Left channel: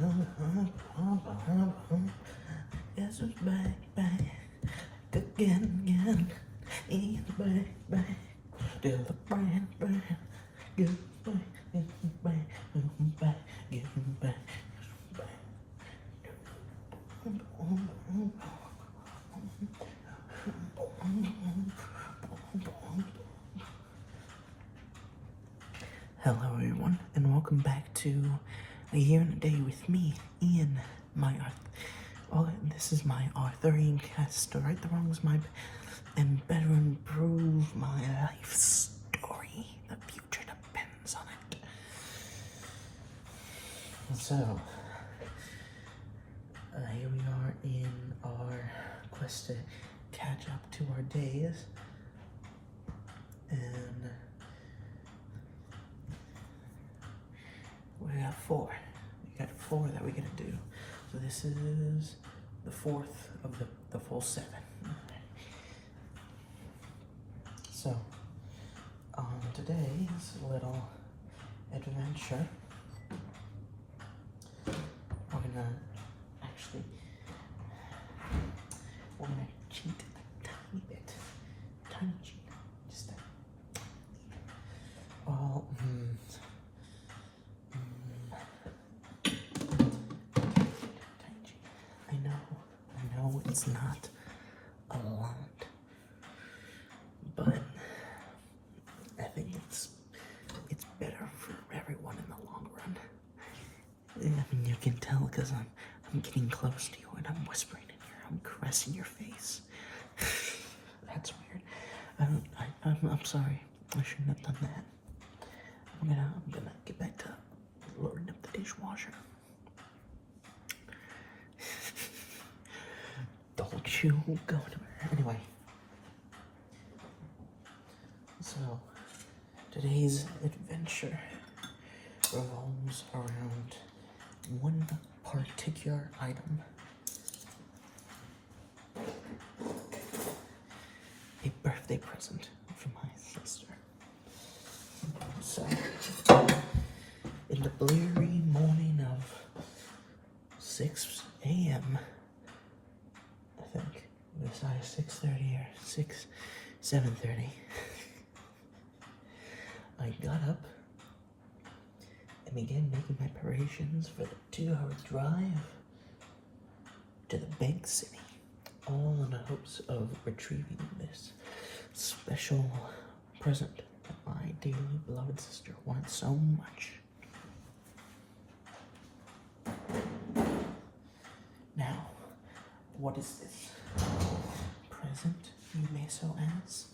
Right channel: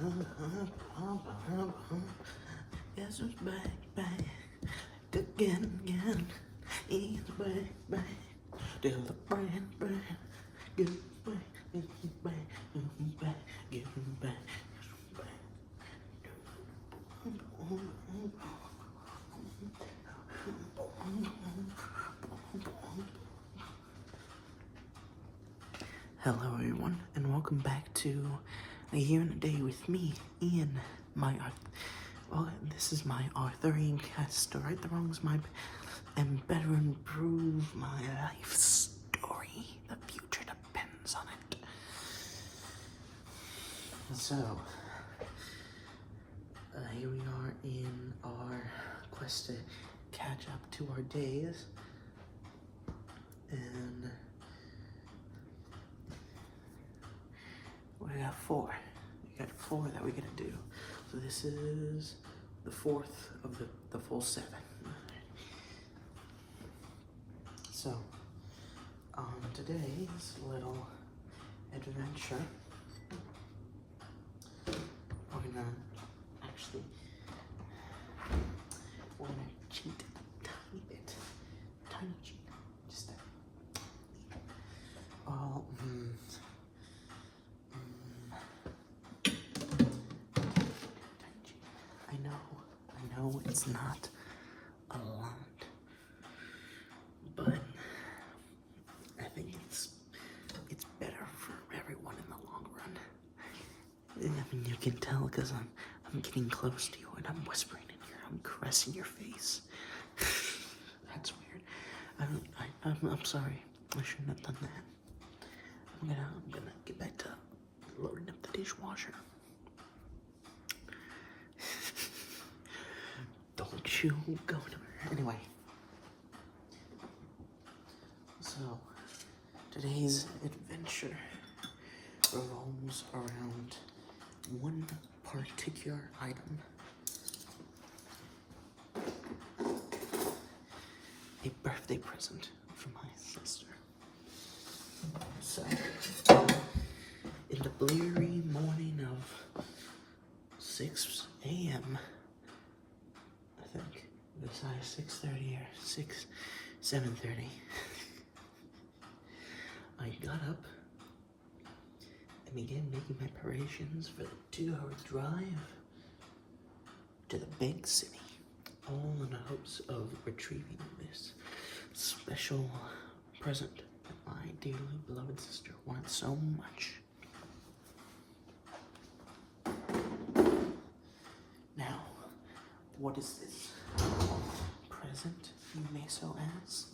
Yes, baby, again, yes, baby, till the bang, bang, give back, give back, give back, give back. Hello everyone, and welcome back to A Year and a Day with me, Ian, this is my Arthurian quest to right the wrongs and better improve my life story. The future depends on it. So, here we are in our quest to catch up to our days, and we got four. We got four that we gotta do. So this is the fourth of the full seven. So, on today's little adventure, we're gonna cheat a tiny bit. Tiny cheat. Just I know it's not a lot, but I think it's better for everyone in the long run. I mean, you can tell because I'm getting close to you and I'm whispering in here. I'm caressing your face. That's weird. I'm sorry. I shouldn't have done that. I'm gonna get back to loading up the dishwasher. Don't you go anywhere. Anyway. So, today's adventure revolves around one particular item. A birthday present from my sister. So, in the bleary morning of 6 a.m., I think, it was either 6:30 or 7:30, I got up and began making my preparations for the 2-hour drive to the big city, all in the hopes of retrieving this special present that my dearly beloved sister wanted so much. Now, what is this present, you may so ask?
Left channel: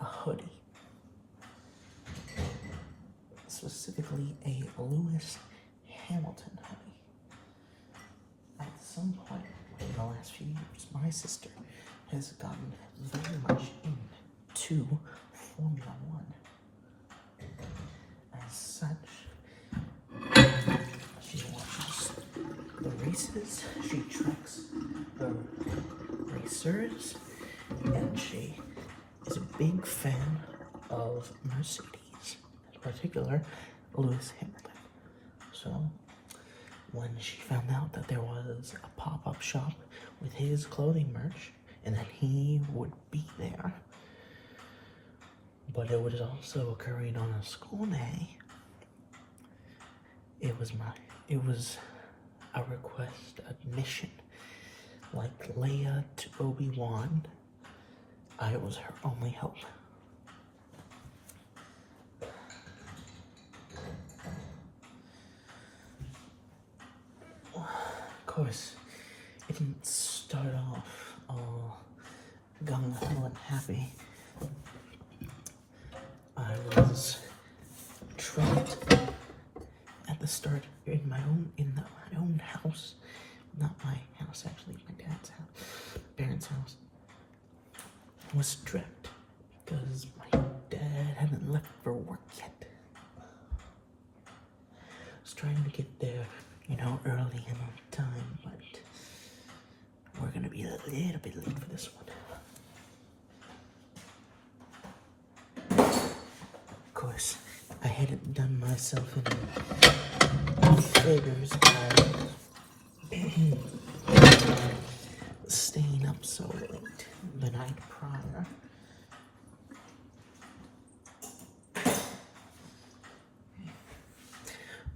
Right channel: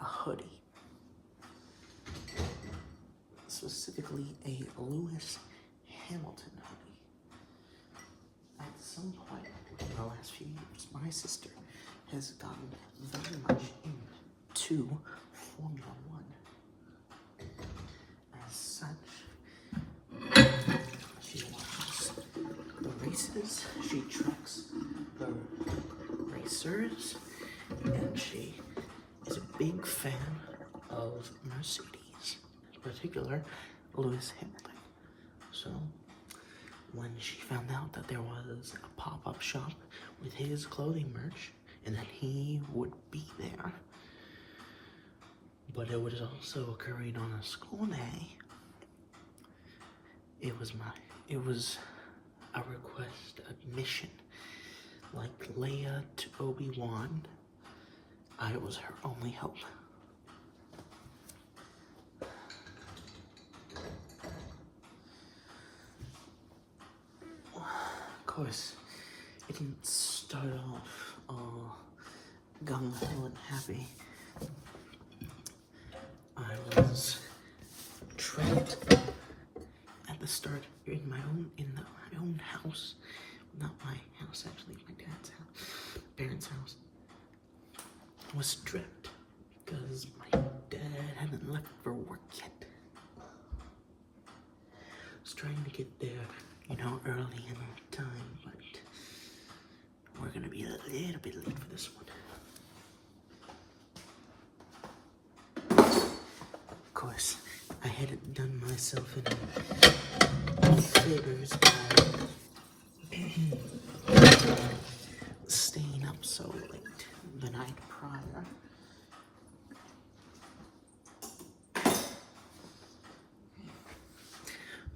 A hoodie. Specifically, a Lewis Hamilton hoodie. At some point in the last few years, my sister has gotten very much into Formula One. As such, she watches the races, she tracks the racers, and she is a big fan of Mercedes, in particular Lewis Hamilton. So when she found out that there was a pop-up shop with his clothing merch and that he would be there, but it was also occurring on a school day, it was a request, a mission, like Leia to Obi-Wan. I was her only hope. Of course, it didn't start off all gung-ho and happy. I was trapped at the start in my own house. Not my house, actually, my dad's house, my parents' house. I was stripped because my dad hadn't left for work yet. I was trying to get there, early and on time, but we're gonna be a little bit late for this one. Of course, I hadn't done myself any favors by staying up so late the night prior.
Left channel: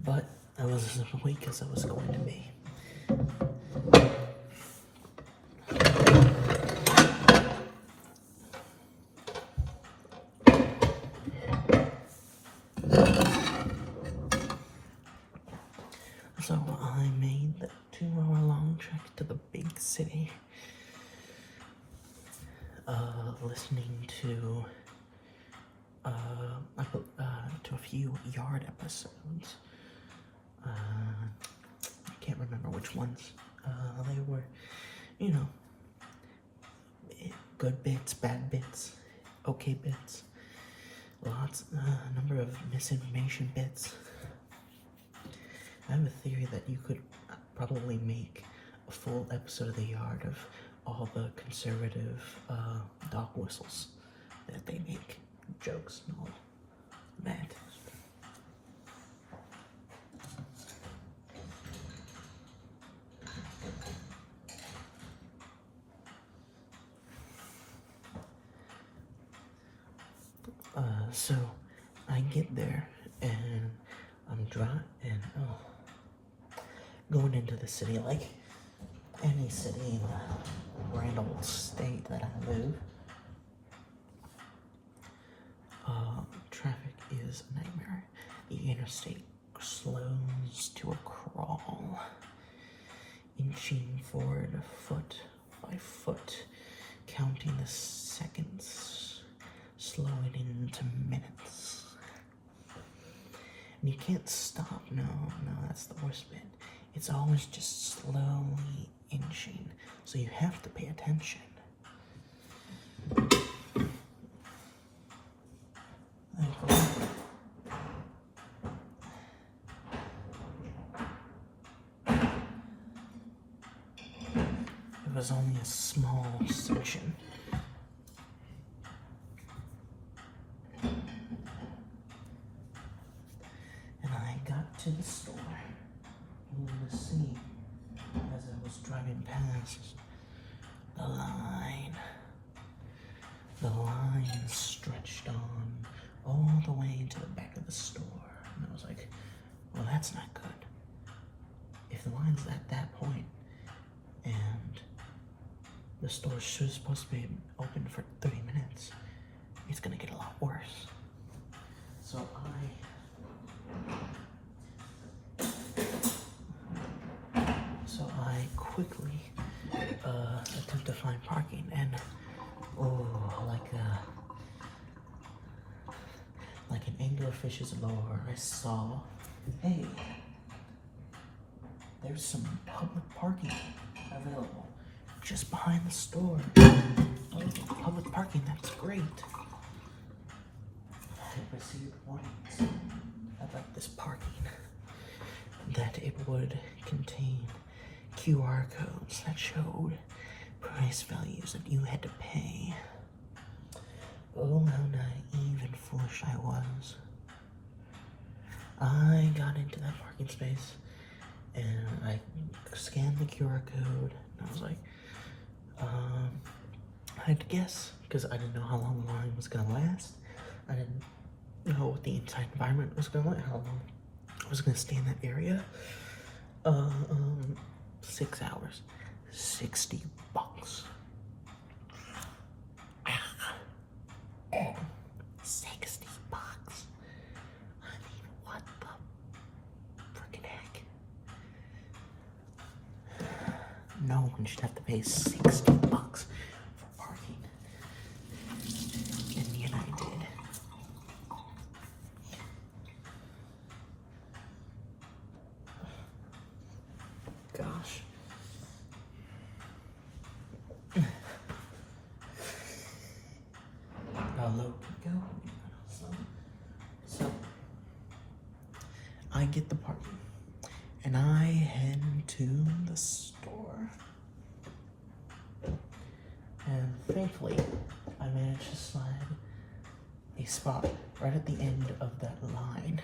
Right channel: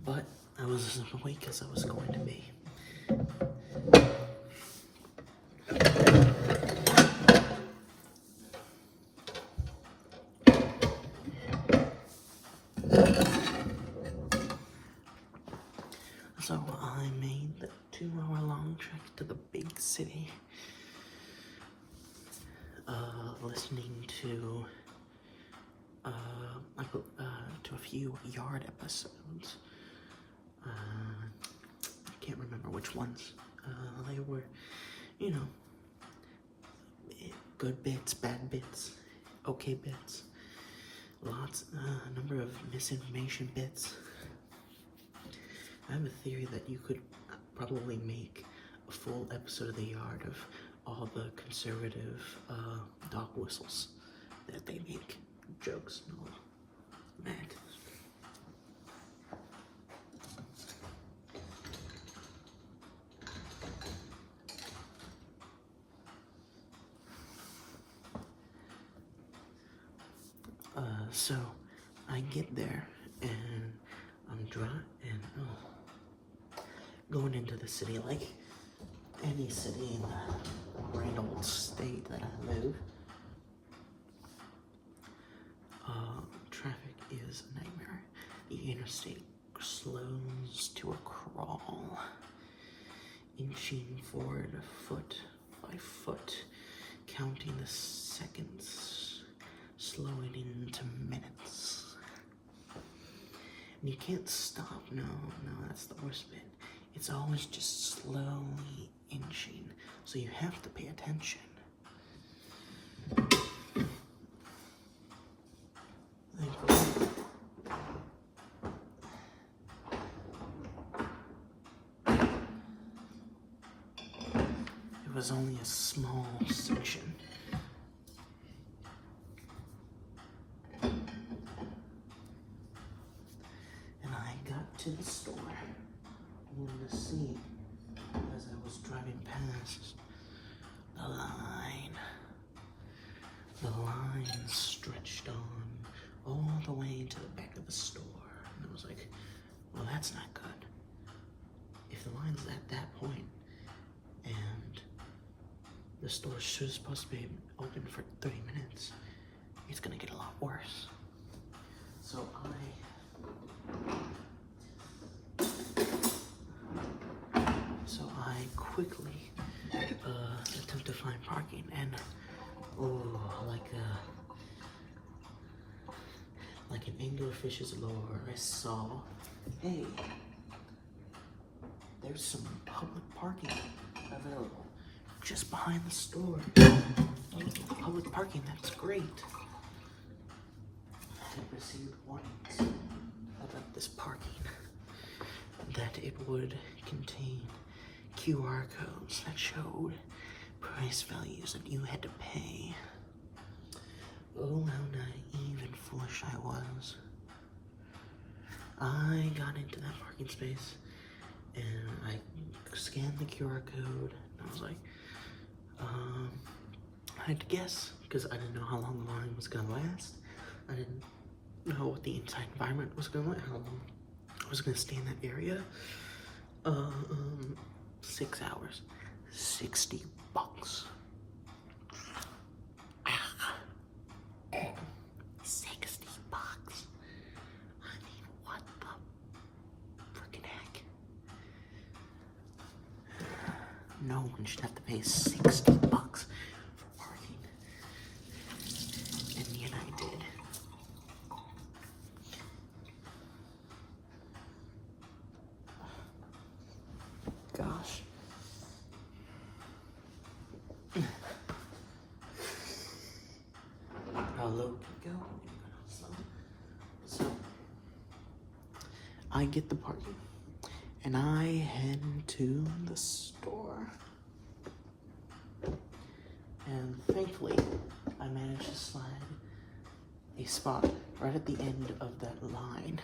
But I was as awake as I was going to be. So I made the 2-hour-long trek to the big city, listening to to a few aYaaD episodes. I can't remember which ones. They were, you know, good bits, bad bits, okay bits, a number of misinformation bits. I have a theory that you could probably make a full episode of aYaaD of all the conservative dog whistles that they make, jokes and all that. So I get there and I'm going into the city like any city in the grand old state that I live. Traffic is a nightmare. The interstate slows to a crawl, inching forward foot by foot, counting the seconds, slowing into minutes. And you can't stop. No, that's the worst bit. It's always just slowly inching, so you have to pay attention. It was only a small section. And I got to the store, only to see, as I was driving past, the line. The line stretched on all the way to the back of the store. And I was like, well, that's not good. If the line's at that point, and the store is supposed to be open for 30 minutes, it's gonna get a lot worse. So I quickly attempt to find parking, and like an anglerfish's lure, I saw, hey, there's some public parking available just behind the store. Oh, public parking, that's great. I received warnings about this parking, that it would contain QR codes that showed price values that you had to pay. Oh, how naive and foolish I was. I got into that parking space and I scanned the QR code and I was like, I had to guess, because I didn't know how long the line was gonna last. I didn't know what the inside environment was gonna how long I was gonna stay in that area. 6 hours, $60. $60. I mean, what the freaking heck? No one should have to pay $60 for parking. And yet I did. Gosh. How low can it go? So I get the parking and I head to the store. And thankfully, I managed to slide a spot right at the end of that line.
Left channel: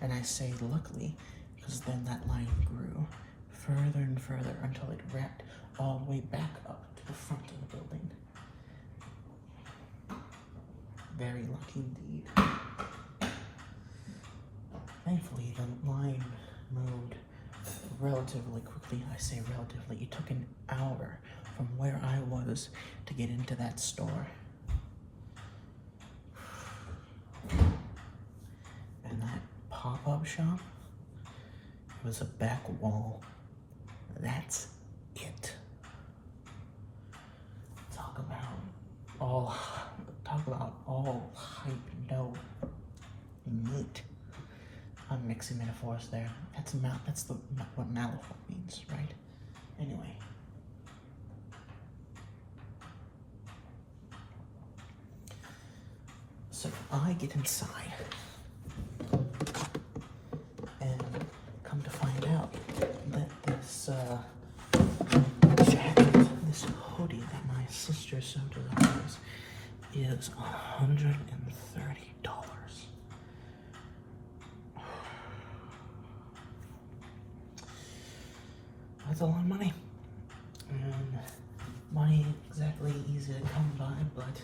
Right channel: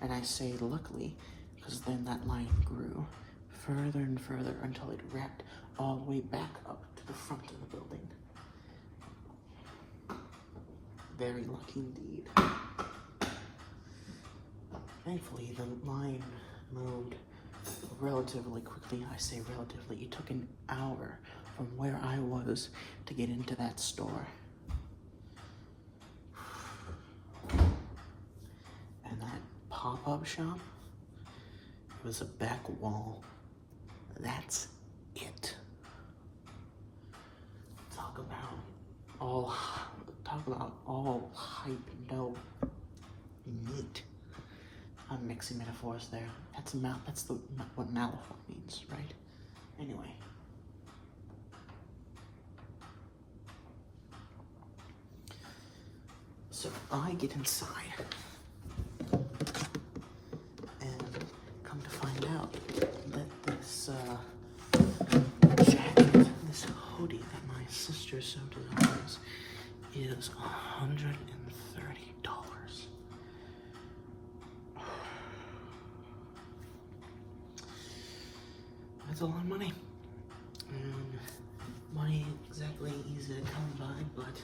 And I say luckily, because then that line grew further and further until it wrapped all the way back up to the front of the building. Very lucky indeed. Thankfully, the line moved relatively quickly. I say relatively. It took an hour from where I was to get into that store. And that pop-up shop, it was a back wall. That's it. Talk about all hype, no meat. I'm mixing metaphors there. That's what Malifaux means, right? Anyway. So I get inside and come to find out that this jacket, this hoodie that my sister so desires is $130. That's a lot of money. And money ain't exactly easy to come by, but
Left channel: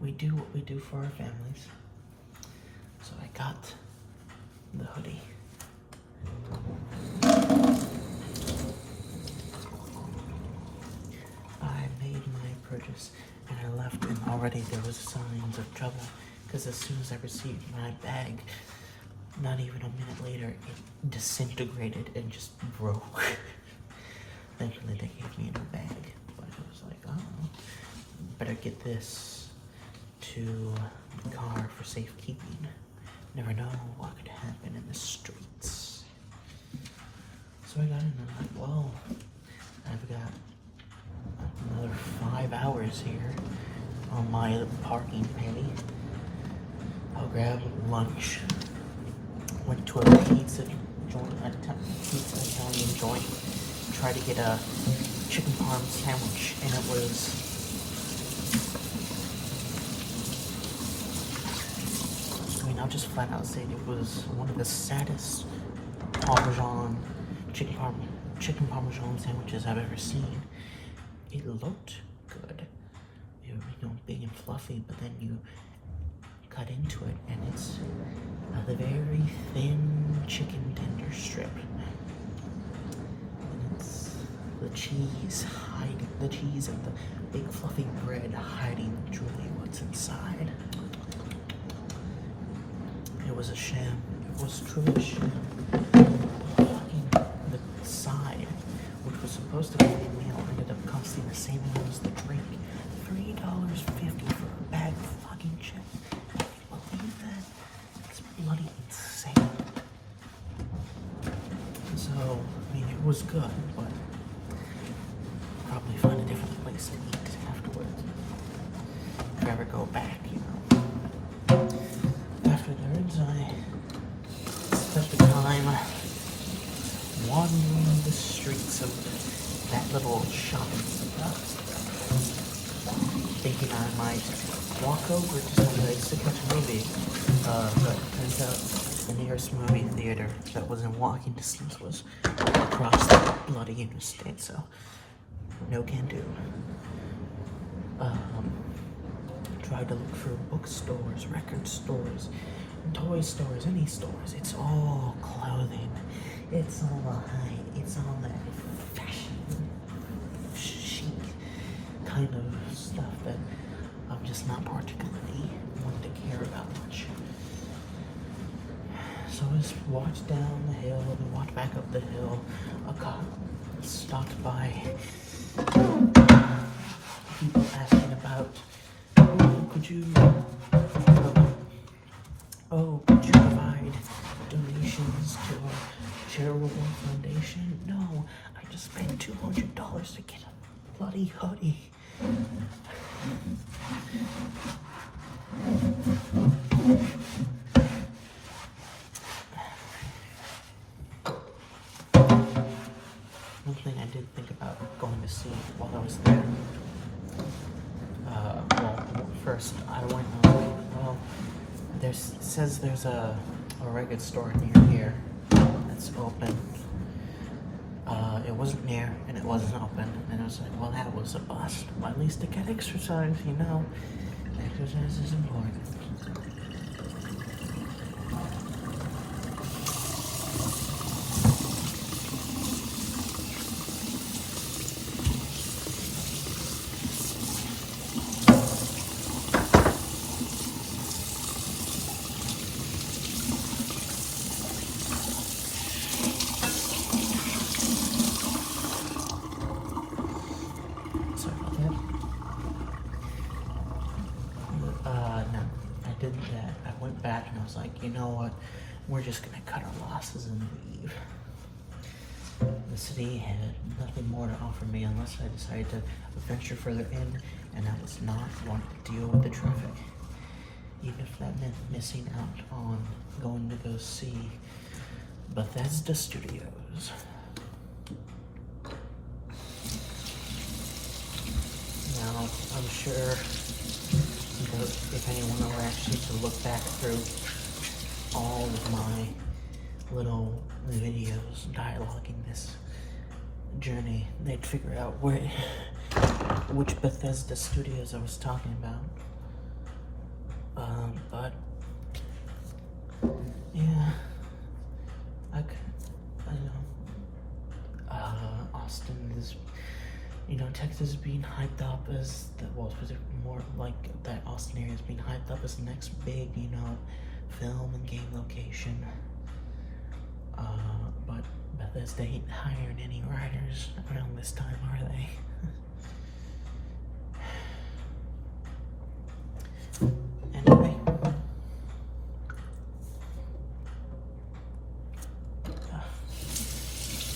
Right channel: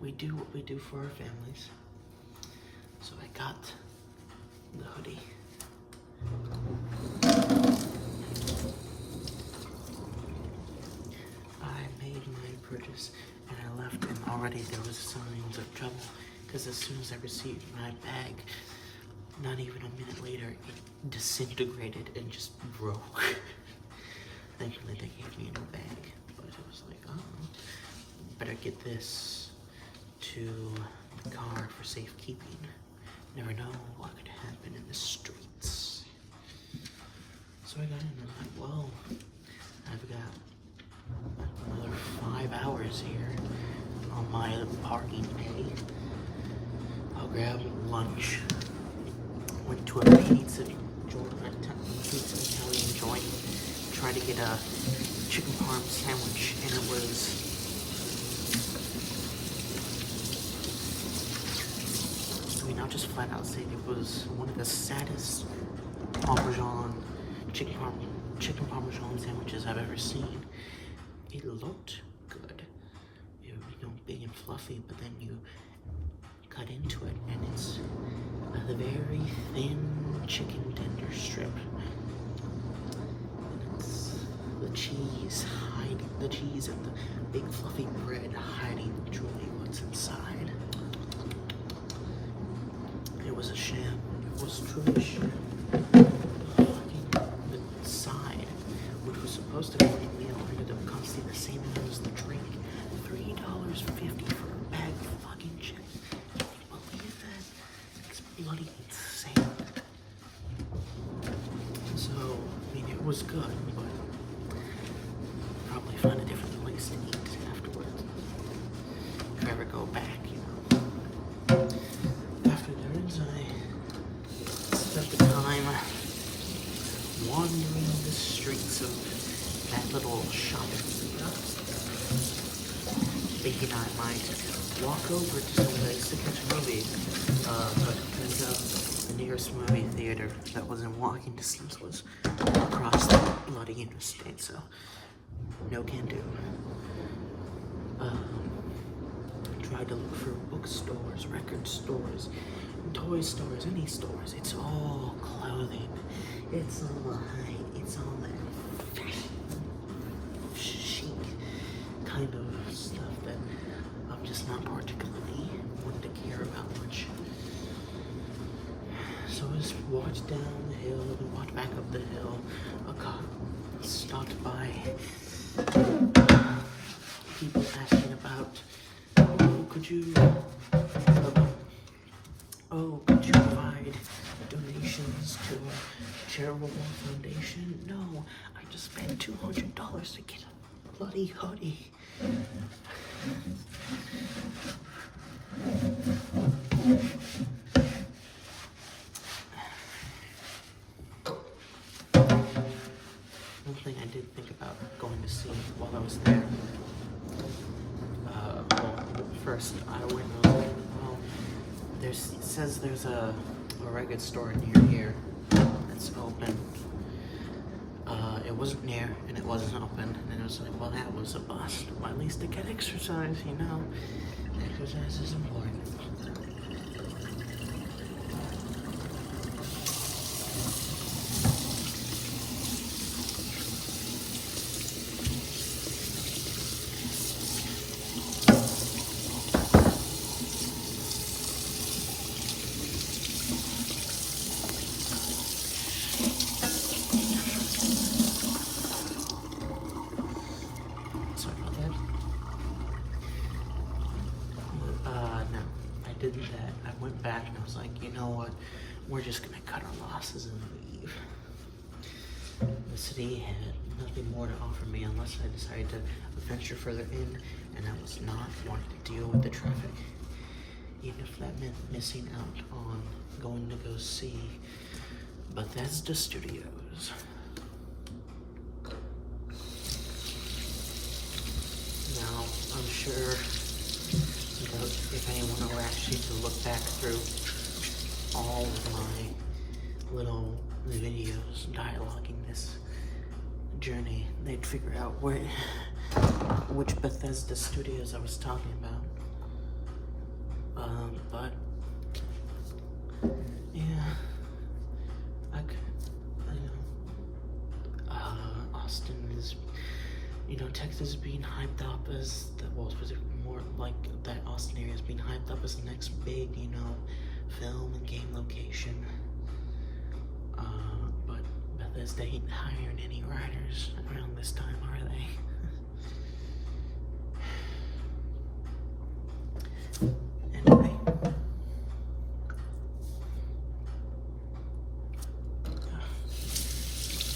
we do what we do for our families. So I got the hoodie. I made my purchase and I left, and already there was signs of trouble because as soon as I received my bag, not even a minute later, it disintegrated and just broke. Thankfully they gave me a new bag, but it was like, oh, better get this to the car for safekeeping. Never know what could happen in the streets. So I got in and I'm like, well, I've got another 5 hours here on my parking pay. I'll grab lunch. Went to a pizza joint, pizza Italian joint. Tried to get a chicken parm sandwich, and it was I'll just flat out say it was one of the saddest chicken parmesan sandwiches I've ever seen. It looked good. It was, big and fluffy, but then you cut into it and it's a very thin chicken tender strip. And it's the cheese and the big fluffy bread hiding truly what's inside. It was a sham. It was truly a sham. The side, which was supposed to be a meal, ended up costing the same amount as the drink. $3.50 for a bag of fucking chips. Can you believe that? It's bloody insane. So, I mean, it was good, but probably find a different place to eat afterwards. If I ever go back, Afterwards, I spent the time wandering the streets of that little shopping center, thinking I might walk over to some place to catch a movie, but it turns out the nearest movie theater that was in walking distance was across the bloody interstate, so no can do. Tried to look for bookstores, record stores, toy stores, any stores. It's all clothing. It's all hype. It's all that fashion, chic kind of stuff that I'm just not particularly one to care about much. So I just walked down the hill and walked back up the hill. A cop stopped by, people asking about, could you provide donations to our charitable foundation? No, I just spent $200 to get a bloody hoodie. did think about going to see while I was there. Well, first I went and I was like, well, it says there's a record store near here that's open. It wasn't near and it wasn't open, and I was like, well, that was a bust. Well, at least to get exercise, you know. Exercise is important. Sorry about that. No, I did that. I went back and I was like, you know what? We're just gonna cut our losses and leave. The city had nothing more to offer me unless I decided to venture further in, and I was not wanting to deal with the traffic. Even if that meant missing out on going to go see Bethesda Studios. Now, I'm sure that if anyone were actually to look back through all of my little videos dialoguing this journey, they'd figure out which Bethesda Studios I was talking about. But yeah, Austin is, Texas is being hyped up as more like that Austin area is being hyped up as the next big, film and game location. But Bethesda ain't hiring any writers around this time, are they? Anyway.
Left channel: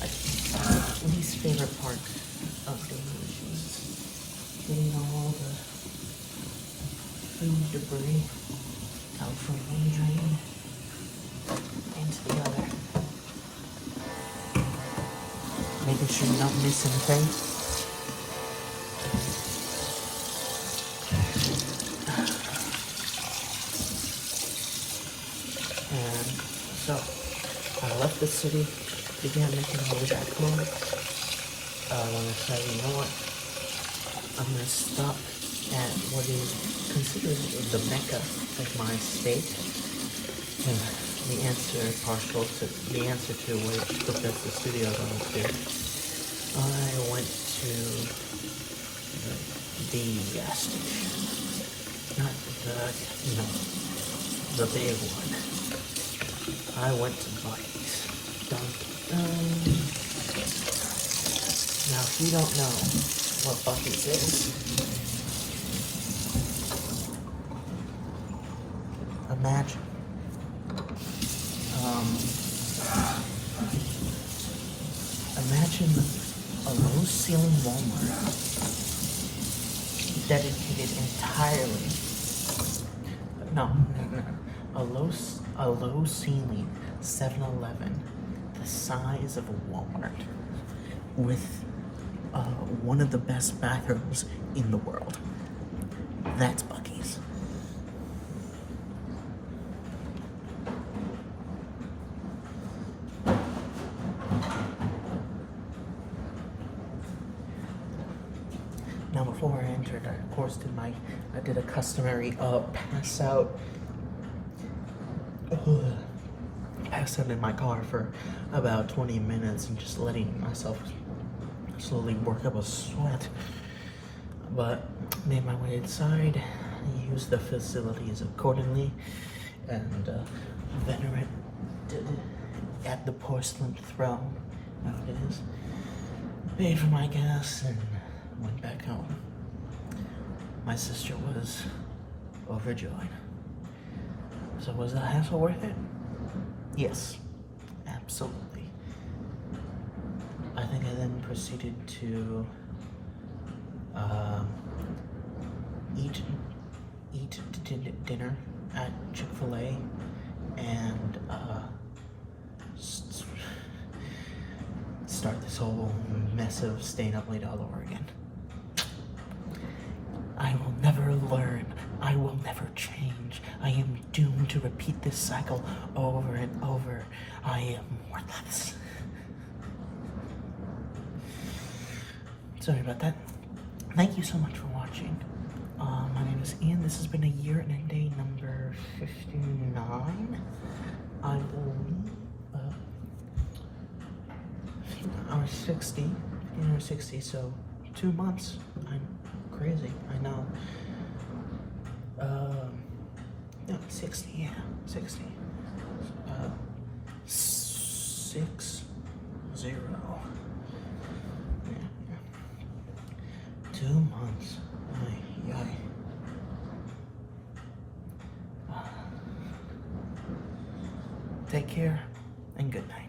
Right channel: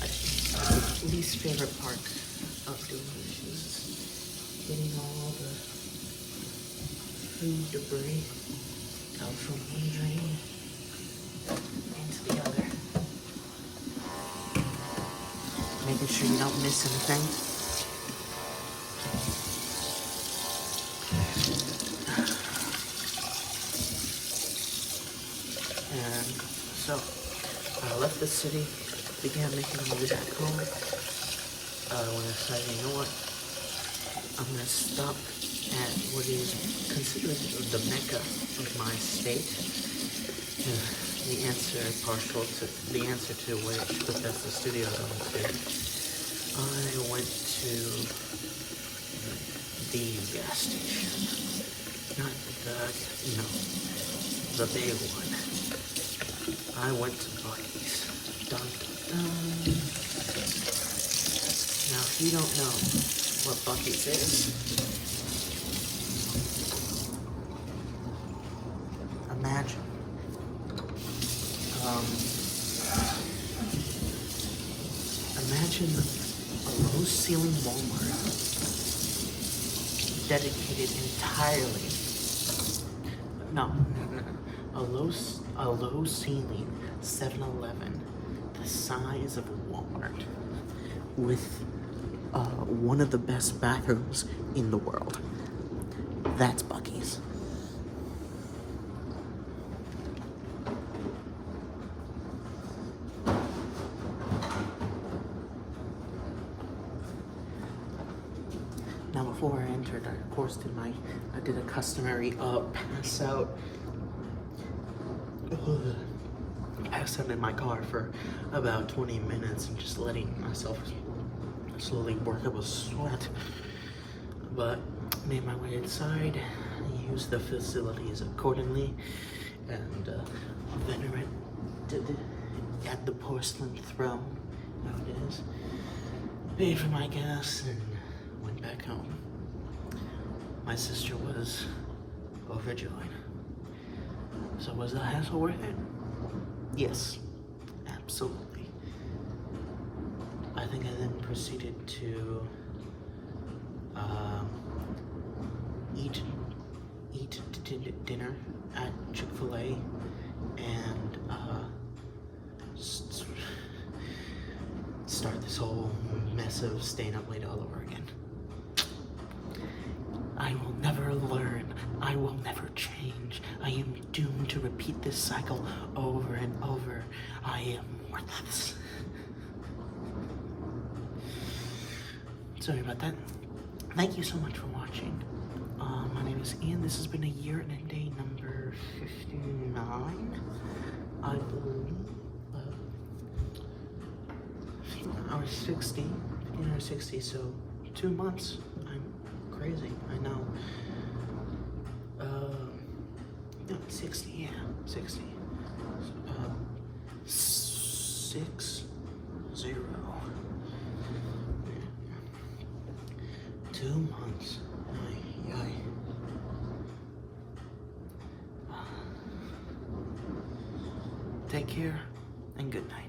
My least favorite part of doing this is getting all the food debris out from one drain into the other. Making sure you don't miss anything. And so, I left the city, began making my way back home. When I decided, you know what, I'm going to stop at what is considered the mecca of my state. And the answer to which Bethesda Studios I went to. I went to the gas station. Not the big one. I went to Buc-ee's. Dun dun dun. Now, if you don't know what Buc-ee's is, imagine a low-ceiling Walmart dedicated entirely, a low-ceiling 7-Eleven the size of a Walmart with one of the best bathrooms in the world. That's Buc-ee's. Now, before I entered, I of course did a customary pass out in my car for about 20 minutes and just letting myself slowly work up a sweat. But made my way inside, used the facilities accordingly, and venerated at the porcelain throne. Now it is. Paid for my gas and went back home. My sister was overjoyed. So was the hassle worth it? Yes, absolutely. I think I then proceeded to eat dinner at Chick-fil-A and start this whole mess of staying up late all over again. I will never learn. I will never change. I am doomed to repeat this cycle over and over. I am worthless. Sorry about that. Thank you so much for watching. My name is Ian. This has been a year and a day number 59. I believe. I was 60. You know, 60. So 2 months. I'm crazy. I know. No, 60. Yeah, 60. 60. Yeah. 2 months. Ay. Take care and good night.